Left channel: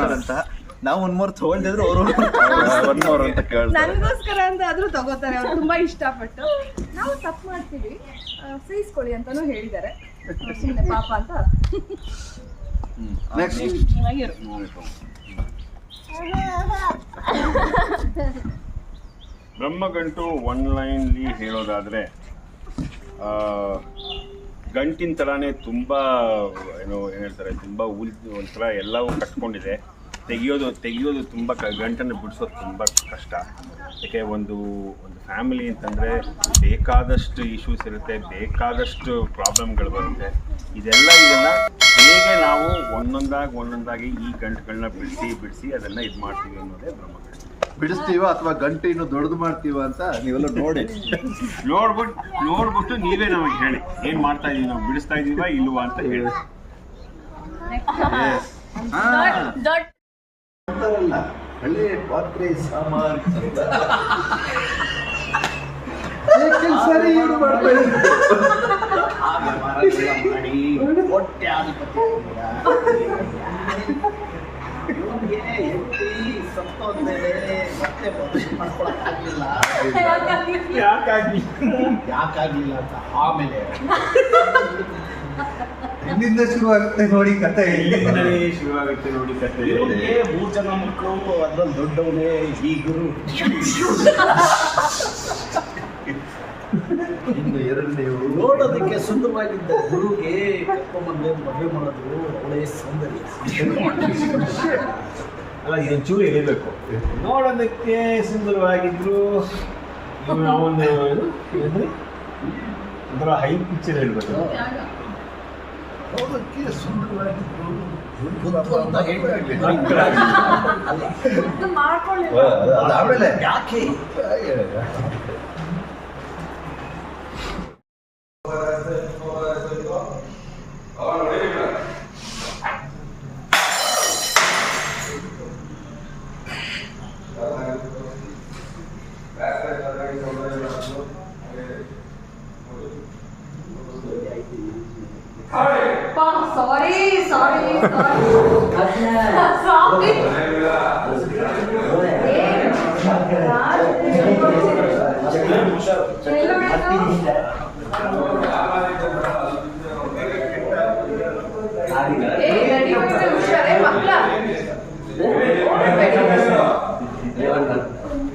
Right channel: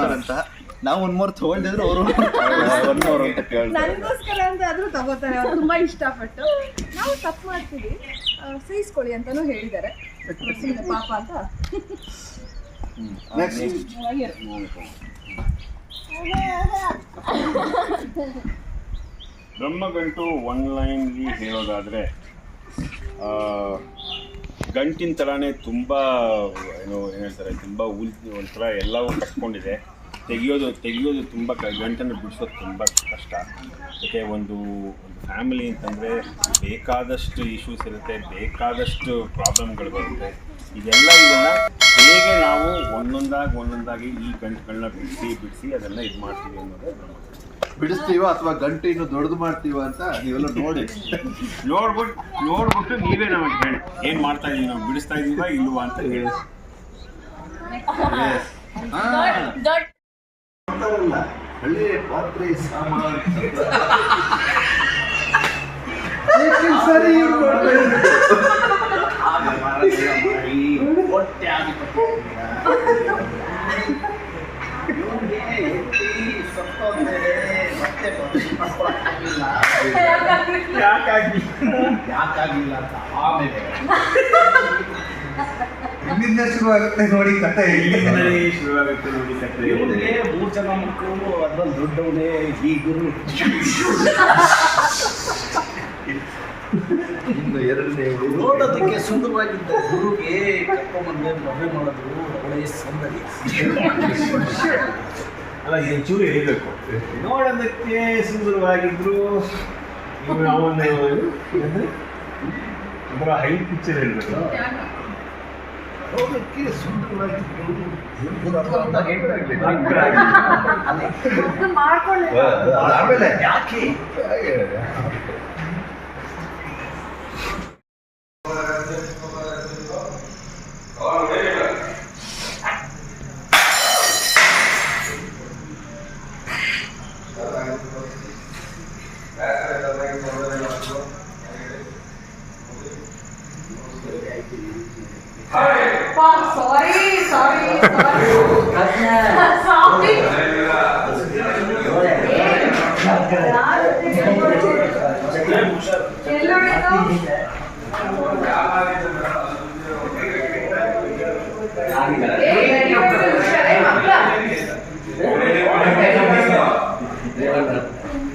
ಅಂತ. ನಾವು ಒಂದ್ ಮೂರು ತಗೊಂಡಿದ್ರು ಅವರು ಒನ್ ಮೂರು ಅಂತ ಕೇಳ್ತಾರೆ. ನನಗೋಸ್ಕರ ಅಂತ ಆದ್ರೂ ತಗೋತಾರೆ ಅವ್ರು ತುಂಬಾ ಇಷ್ಟಪಟ್ಟು. ನಾವು ತಪ್ಪು ಮಾಡ್ತೀವಿ. ಆ, ಸಹಿಸ್ಕೊಳ್ಳಿ ಅಂತಾನೂ ಹೇಳಿದ್ದಾರೆ. ಸುಮ್ಮನೆ ಪಾಪ ಅಂತ. ಬ್ರಹ್ಮಗಂಟು ಒನ್ ಲೈನ್ಲಿ ಹೇಳೋದಾದರೆ ಗಂಟಿನ ಥರನೇ ತುಂಬ ಏನು ಏನು ಹೇಳ್ತಾರೆ ತುಂಬ ಉಲ್ ಒಂಥರ ಎಲ್ಲವೂ ಕಟ್ಕೊಂಡಿದೆ. ತೆಗಿಯೋದು ತೆಗಿಯೋದು ತುಂಬ ಕ ಗಂಟನ್ನು ಬಿಡಿಸೋದು ತುಂಬ ಕಷ್ಟ. ಯಾಕೆ ಒಂದು ಒಂದು ಫ್ಯಾಮಿಲಿ ಅಂತಂದರೆ ಬೇಕಾದಷ್ಟು ಇಶ್ಯೂಸ್ ಇರುತ್ತೆ ಬೇಕಾದಷ್ಟು ಪ್ರಾಬ್ಲಮ್ಗಳು ಬರುತ್ತೆ. ಇದೆಲ್ಲ ಇದೆಲ್ಲ ಹೇಗೆ ನಾವು ಒಂದೊಂದಾಗಿ ಒಂದೊಂದಾಗಿ ಈ ಗಂಟುಗಳನ್ನ ಬಿಡಿಸಿ ಬಿಡಿಸಿ ಅದನ್ನು ಇದು ಮಾಡ್ತೀವಿ ಅನ್ನೋದೇ ಬ್ರಹ್ಮ ಬಿಡಿಸ್ತೀವ ಅಥವಾ ಗಂಟೆ ಇನ್ನು ದೊಡ್ಡದು ಮಾಡ್ತೀವ ಅಂತ ನೀವೆಲ್ಲ ನೋಡಿ. ನೋಡ್ಬಿಟ್ಟು ನೋಡ್ಬಿಟ್ಟು ನೀವೇ ನಮಗೆ ಹೇಳಿ. ಏನ್ ಮಾಡ್ತಾ ಇದೀವಿ ನಾವು? ಬಿಡಿಸ್ತಾ ಇದೀವ ಇಲ್ವಾ ಅಂತ ಹೇಳಿ. ಅಂತಾರಲ್ಲ ಹಳೆ ಪಾತ್ರೆ ಸಾಮಾನ್ ಅಂತ. ಯಾಕೆ ಸರಿ ಇವ್ರು ಮಾಡ್ತಾ ಇರೋದು? ಇಲ್ಲಿಂದ ಶುರು ಆಗುತ್ತೆ ನೋಡಿ ಕಥೆ. ಇಲ್ಲಿಂದಲೇ ಶುರುವಾಗುತ್ತೆ ನೋಡಿ ಕಥೆ. ಇವ್ರಿಗೆ ಮೂರ್ ಜನ ಮಕ್ಕಳು ಅದ್ರಲ್ಲಿ ದೊಡ್ಡವನೇ ಈ ಗುರು. ಇನ್ನು ಎರಡನೇ ನೋಡೋದಕ್ಕೆ ಸುಂದರವಾಗಿದ್ದ ಗುರುಗೆ ಕರ್ಕೊಂಬಂದೆ ಮದುವೆ ಮಾಡೋದು ಒಳ್ಳೆಯ ಸೌಂದರ್ಯ. ಅಲ್ಲ ಇದು ಚೂರು ಹೇಳಬೇಕು ನೋಡೋದಕ್ಕೆ ಸುಂದರವಾಗಿದ್ರು. ಅವನು ಏನು? ಏನಂದ್ರೆ? ಒಂಥರ ಹೈ ಪಿಕ್ಚರ್ ಇರಬೇಕು ಮಾಡ್ಕೊಳ್ಳಿ. ಅದು ಆಮೇಲೆ ಯಾಕೆ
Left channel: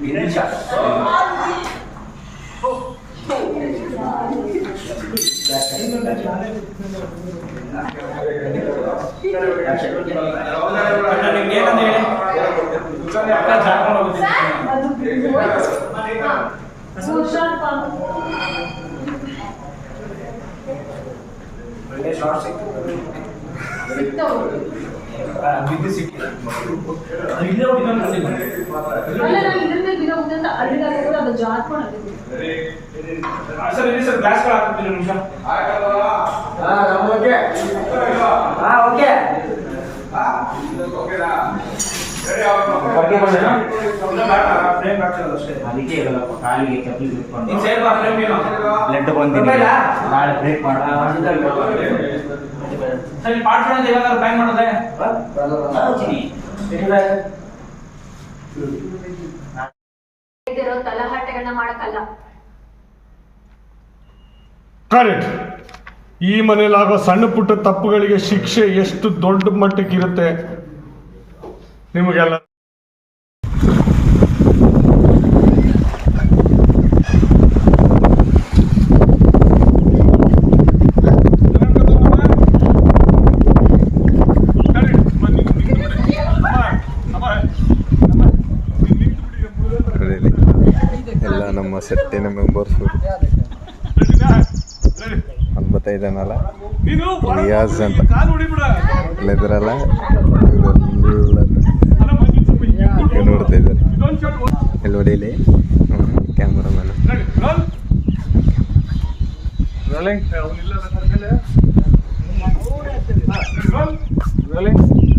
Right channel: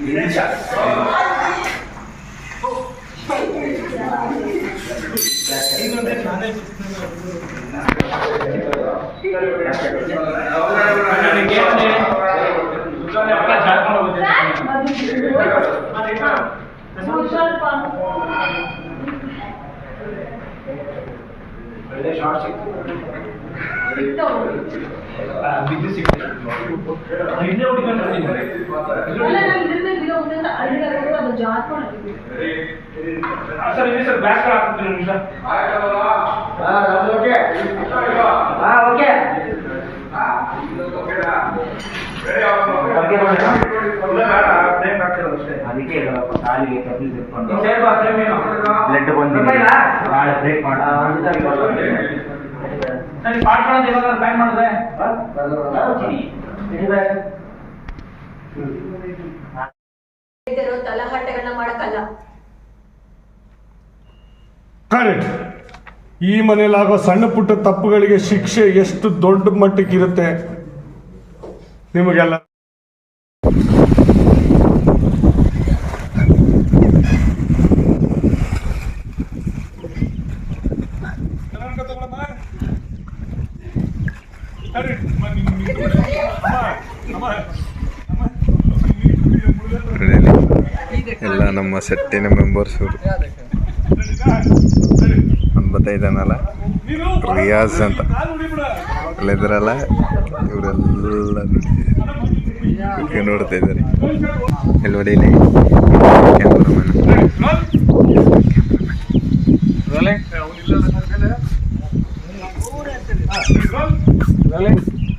Gracias. ಒಳ್ಳೆ ಶಾರ್ಟ್ ಸಿಕ್ತು ಬಿದ್ದು ಸಿಕ್ತು ಇಲ್ಲೇ ಹುಡುಕೊಂಡು ಅಲ್ಲ ನಾನು ಇದ್ರ ಮೇಲೆ ಬಿಡೋ ಅಂತ ಅಲ್ಲಿಗೆ ಅದು ಜಾರ್ಕೊಂಡು ಸರ್ ಇಲ್ಲಿ ಸರ್ ಗ್ಲಾಸ್ಗಳು ಹಾಕ್ತೀನಿ ನಿಮಿಷ ಅದಕ್ಕೆ ಹೇಳಪ್ಪ, ಕಾಲಿಗೆ ಕಪ್ಪಿ ನೀನ್ ಸೈಡ್ ಮನೇಲಿ ಆಗೋ ಏನು ಬ್ಲಡ್ ಬಂದಿದೆ. ಭಾಳ ಬ್ರೇಕ್ ಮಾಡ. ಸರಿ ಪಾಡ್ಕೊಳ ಅಂತ ಇವಾಗ ಬ್ಯಾನ್ ಮಾಡಿದ್ರೆ ಇದಿರೋ ತಲಹಟ್ಟೆಗಳನ್ನ ಮಾಡಕ್ಕಲ್ಲ. ಕರೆಕ್ಟ್. ಈ ಮನೇಲಾಗೋ ಸಣ್ಣ ಪುಟ್ಟ ತಪ್ಪುಗಳಿಗೆ ಶಿಕ್ಷೆ ಎಷ್ಟು ದೊಡ್ಡ ಮಟ್ಟಕ್ಕಿರುತ್ತೆ ನಿಮಗೆಲ್ಲ ಎಲ್ಲ ನಮ್ಮ ಸೆಟ್ಟಿನ ಮೆಂಬರ್ಸ್ ಅನ್ಬತ್ತೈದನಲ್ಲ ರಿಯಾಜ್ ಅಂತ. ಇದ್ರಲ್ಲ ಇವರೆಲ್ಲ ನೋಡಿ ನೋಡ್ತಾ ಇದ್ದಾರೆ ಇಲ್ಲಿ ನೋಡಿ ಇಲ್ಲಿ? ಕ್ಯಾಮ್ರಾಮನ್. ಇಡು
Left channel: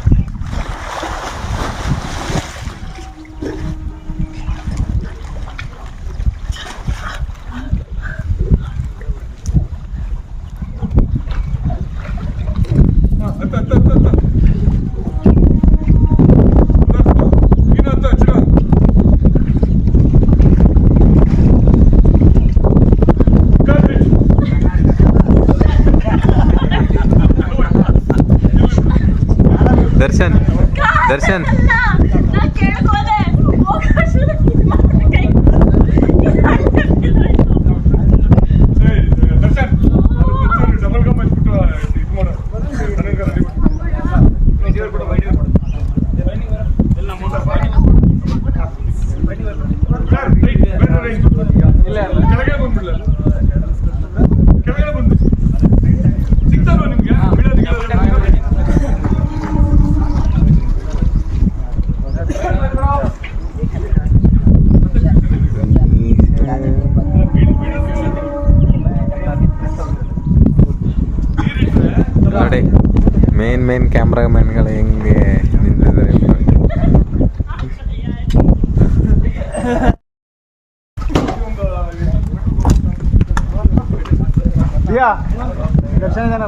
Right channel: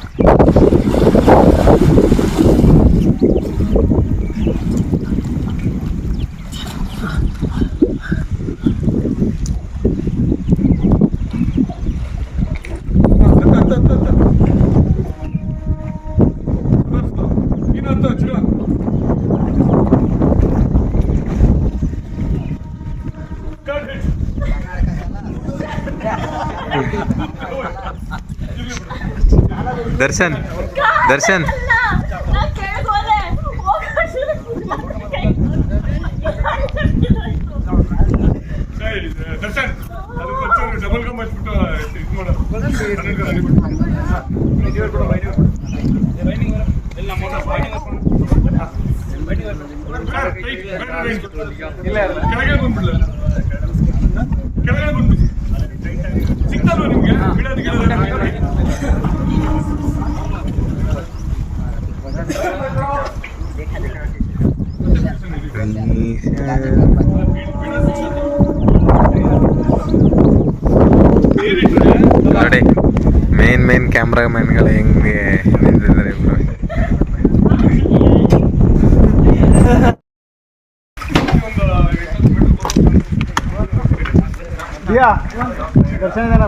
Darshan Darshan Kamera main kali yang dia ini dari bro iya Action kan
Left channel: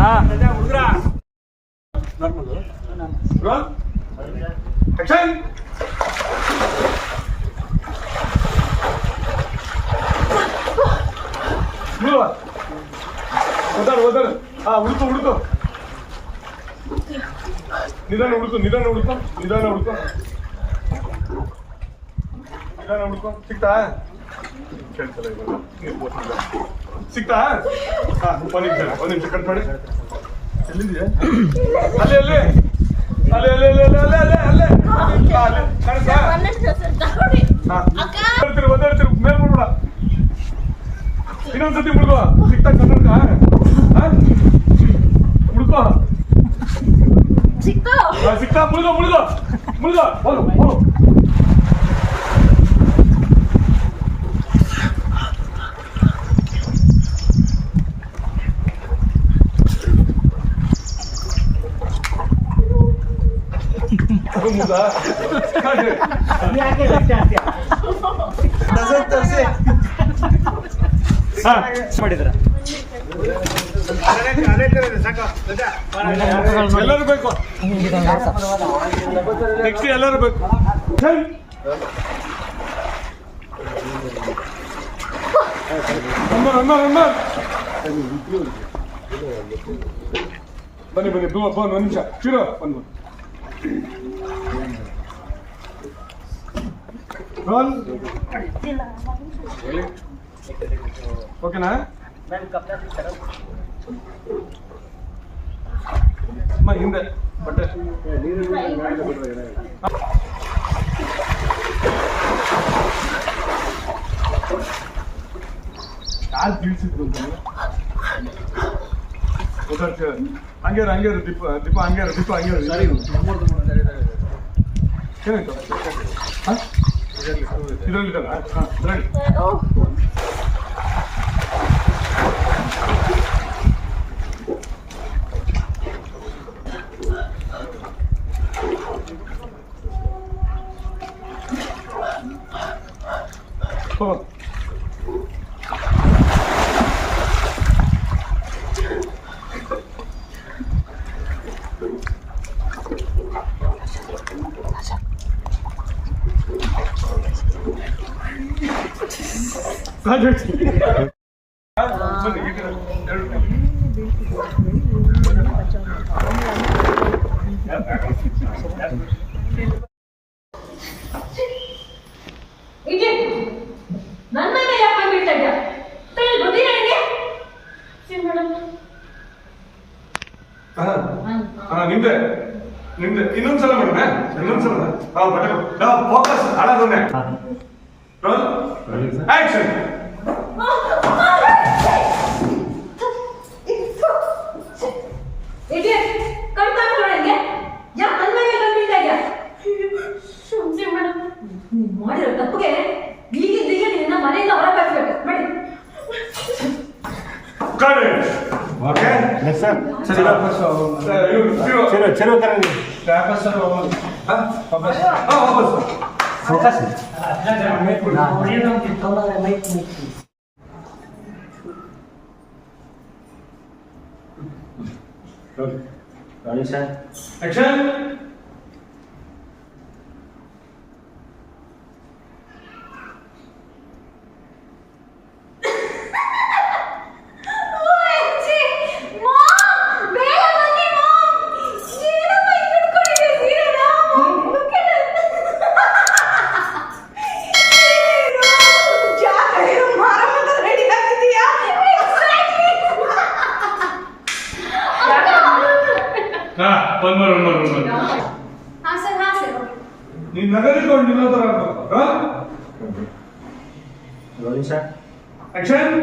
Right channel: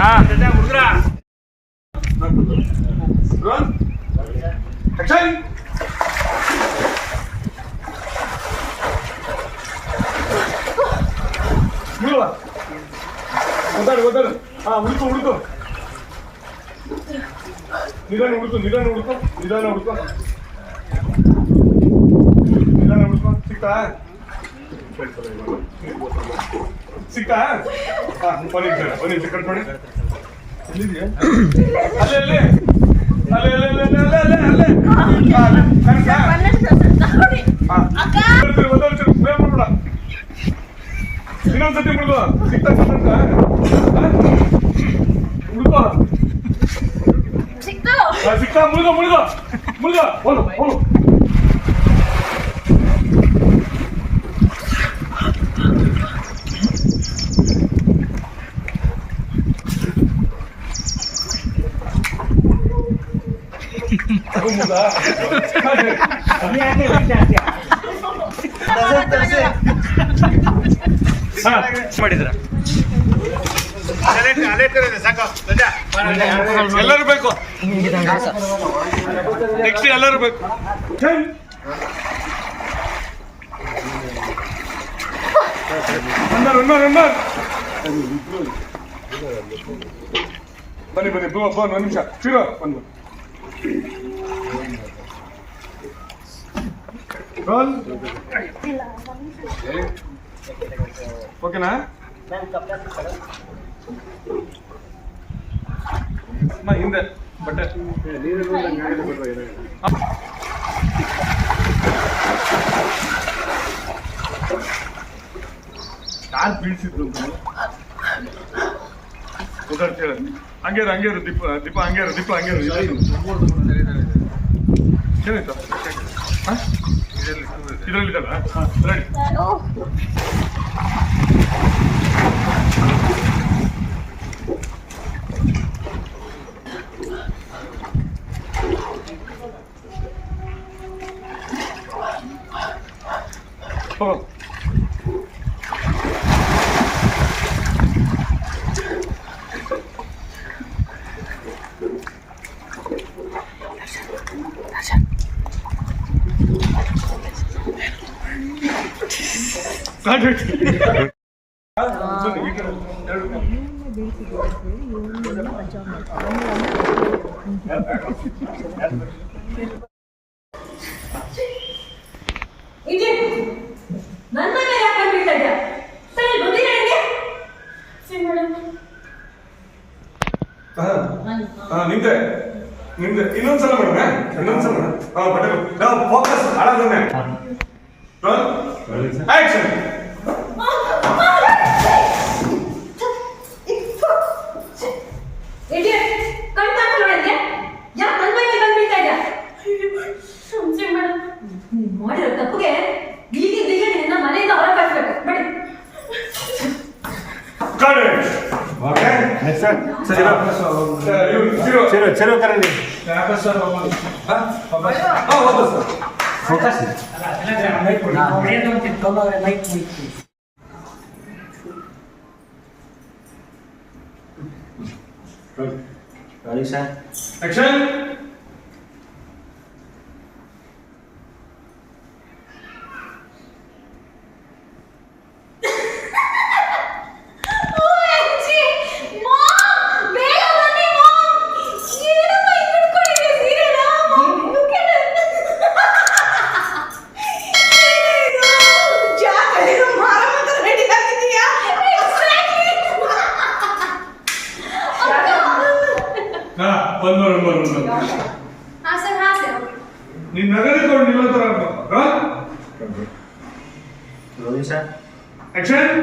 Ah. Run. Action. ಒದ್ದಾಡು ಒದ್ದಾಡು. ಹಾ ಉಳ್ಕೊ ಹುಡುಕು. ನಿಧಾನ ಹುಡುಕು ನಿಧಾನ ಉಳ್ಕೊ ನಿಧಾನ ಉಳ್ಕೊ ನಿಧಾನ ಉಳ್ಕೊ ಸಿಕ್ತಾ ಕೇಳ್ತಲ್ಲ ಇವಾಗ. ಸಿಕ್ತಾ ಹಾ ಒಂದು ನಿಮಿಷ ಒಂದು ನಿಮಿಷ ಕಟ್ ಮಾಡಿ. ಎಲ್ಲಿದೆಯಾ? ಅಲ್ಲೇ ಅಲ್ಲೇ. ಅಲ್ಲೇ ಅಲ್ಲೇ ಅಲ್ಲೇ ಅಲ್ಲೇ ಅಲ್ಲೇ ಅಲ್ಲೇ. ಅಲ್ಲೇ ಹಾ, ಅಲ್ಲೇ ವಿಧಾನಸೌಧಕ್ಕೆ ಮುಡ್ಕೋ ಸಿಕ್ತಾಗ ಮುಡ್ಕೋ ಸಿಕ್ತಾ ಸಿಕ್ತಾ ಮುಳ್ಗೋ ಮುಳ್ಗೋ ಮುಳ್ಗೋ ಹೋಲು ಹೋಲು 무다. 미안해, 미안해. 나서 따세. ಮಾಡಿದ್ರ ಎಲ್ಲರೂ ಬೇಕು. ನೆಕ್ಸ್ಟ್ ಎಲ್ಲರೂ ಬೇಕು. ಬನ್ನಿ ಬನ್ನಿ ಫೋನ್ ಒಂದು ನಿಮಿಷ. ಶಿರೋ ಒಂದು ರೋಲ್ ಓಕೆನಾ ಹಿಂದೆ. ಬಟ್ಟೆ. ಕಾಲ್ ಬೀಳ್ಸಿದ್ರು ಓದಾಡ್ತೀರ ಹಂಗೇರು ಹಂಗೇರು ದೀಪ ದೀಪ ಹಂಗೇರು ದೀಪ ಹಂಗೇರು ಏನಾಯ್ತು? ಇದರಲ್ಲಿದ್ದಾನ 어. ನನ್ನ ಮೇಲೆ ಯಾಕೆ ಬೀಳ್ತಾ ಇದ್ದ ಸರ್ ಇಲ್ಲಿ ಬುದ್ಧಿ ನನಗೆ ಸರಿ ಮೇಡಮ್ ನಿಂದೆ ಇನ್ನೊಂದ್ಸಲ ಮೇಡಮ್ ಫೋಕಸ್ ಆಕ್ಷನ್ ಚಿರೋ ಚಿರೋ ಚಿರೋ ಚಿರೋ ಕರೆಂಡಿ ವಾಪಸ್ ಸರ್ ಹಾ ವಾಪಸ್ ಹಾ ವಾಪಸ್ ಫೋಕಸ್ ಆಕ್ಷನ್ ಹಾ one more one more one more ಹಾ ಸರ್ ಹಾ ಸರ್ ನೀನ್ ನಗರಿಕೊಂಡು ನಿಲ್ಲೋತರ ಹಾ ಆಕ್ಷನ್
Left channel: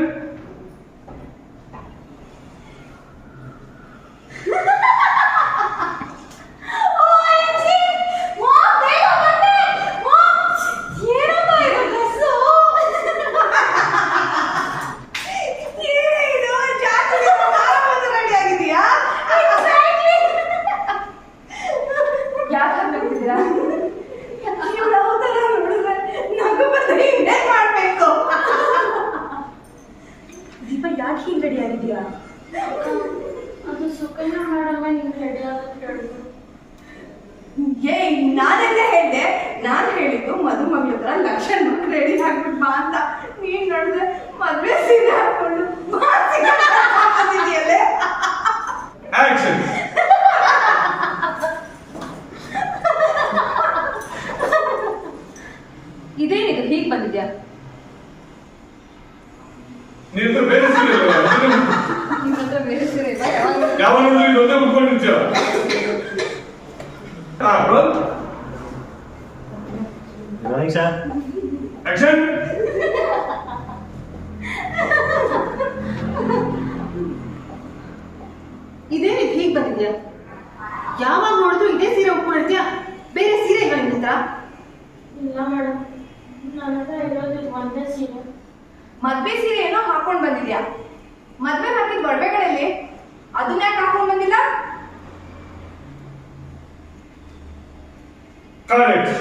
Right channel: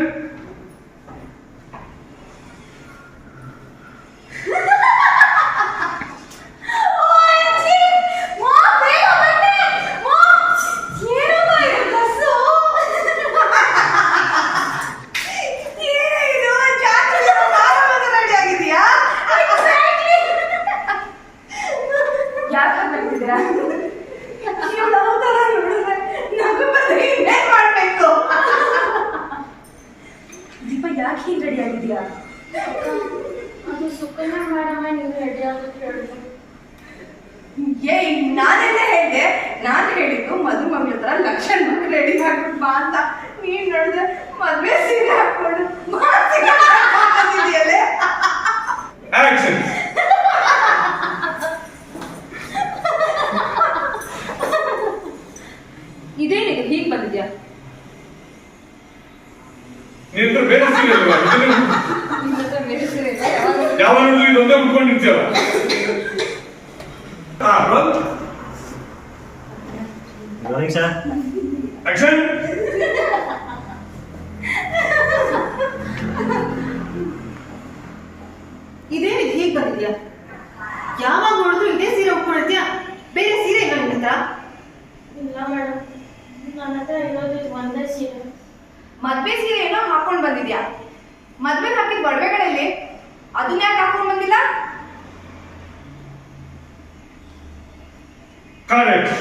ಯಾಕೆ ಬರ್ತಿದ್ದೀರಾ ದೀಪ ಯಾಕೆ ಹೀಗೆ ರೆಡಿ ಆಗಿದೆಯಾ ಅದು ಸುಕನ್ಯಾ ಮೇಡಮ್ ನೀವು ರೆಡಿ ಆಗೋದು ಹೇಳಿದ್ರು ಏ ನಾನೆಲ್ಲ ಹೇಳಿದೆ. ನಾನು ಹೇಳಿದ್ದು ಮಧು ಮಮ್ಮಿ ಹತ್ರ ಲಕ್ಷಣ ಮಕ್ಕಳು ರೆಡಿ ಹಾಕ್ಬಿಟ್ಟು ಬಾ ಅಂತ. ನೀನ್ ನೋಡಿದ್ರೆ ಮದುವೆ ಸೀರೆ ಹಾಕೊಂಡಿದ್ಯಲ್ಲೇ ಆಕ್ಷನ್ ಇದೇನಿದು? ಹೀಗೆ ಬಂದಿದ್ಯಾ ನಿನ್ನ ಬೇರೆ ಸೀರೆ ಇಲ್ವಾ? ನಿಮ್ಮ ಹತ್ರ ಬೇರೆ ಸೀರೆ ಇಲ್ಲ ಯಾವಾಗ ಯಾವಾಗಲೂ ಇದೊಂದೇ ಉಟ್ಕೊಂಡು ನಿಂತೀಯಲ್ಲ ಹಾ ರೋಲ್ ಆಕ್ಷನ್ ವಿಧ ಹೀಗೆ ಬಂದಿದ್ಯಾ? ಯಾವಾಗ ನೋಡಿದ್ರು ಇದೇ ಸೀರೆ ಉಟ್ಕೊಂಡಿರ್ತೀಯಾ? ಬೇರೆ ಸೀರೆ ಇಲ್ಲ ನಿನ್ನ ಹತ್ರ? ಇಲ್ಲ ಮೇಡಮ್. ನನ್ನ ಹತ್ರ ಇರೋದು ಇದು ಒಂದೇ ಸೀರೆ. ಮದ್ವೆ ಸೀರೆ ಏನೋ ಹಾಕೊಂಡ್ ಬಂದಿದ್ಯಾ? ಮದ್ವೆ ಹಾಕಿದ ಒಡವೆಗಳಲ್ಲಿ ಅದನ್ನ ಯಾಕೆ ಹಾಕೊಂಡ್ ಬಂದಿಲ್ಲ? ಕರೆಕ್ಟ್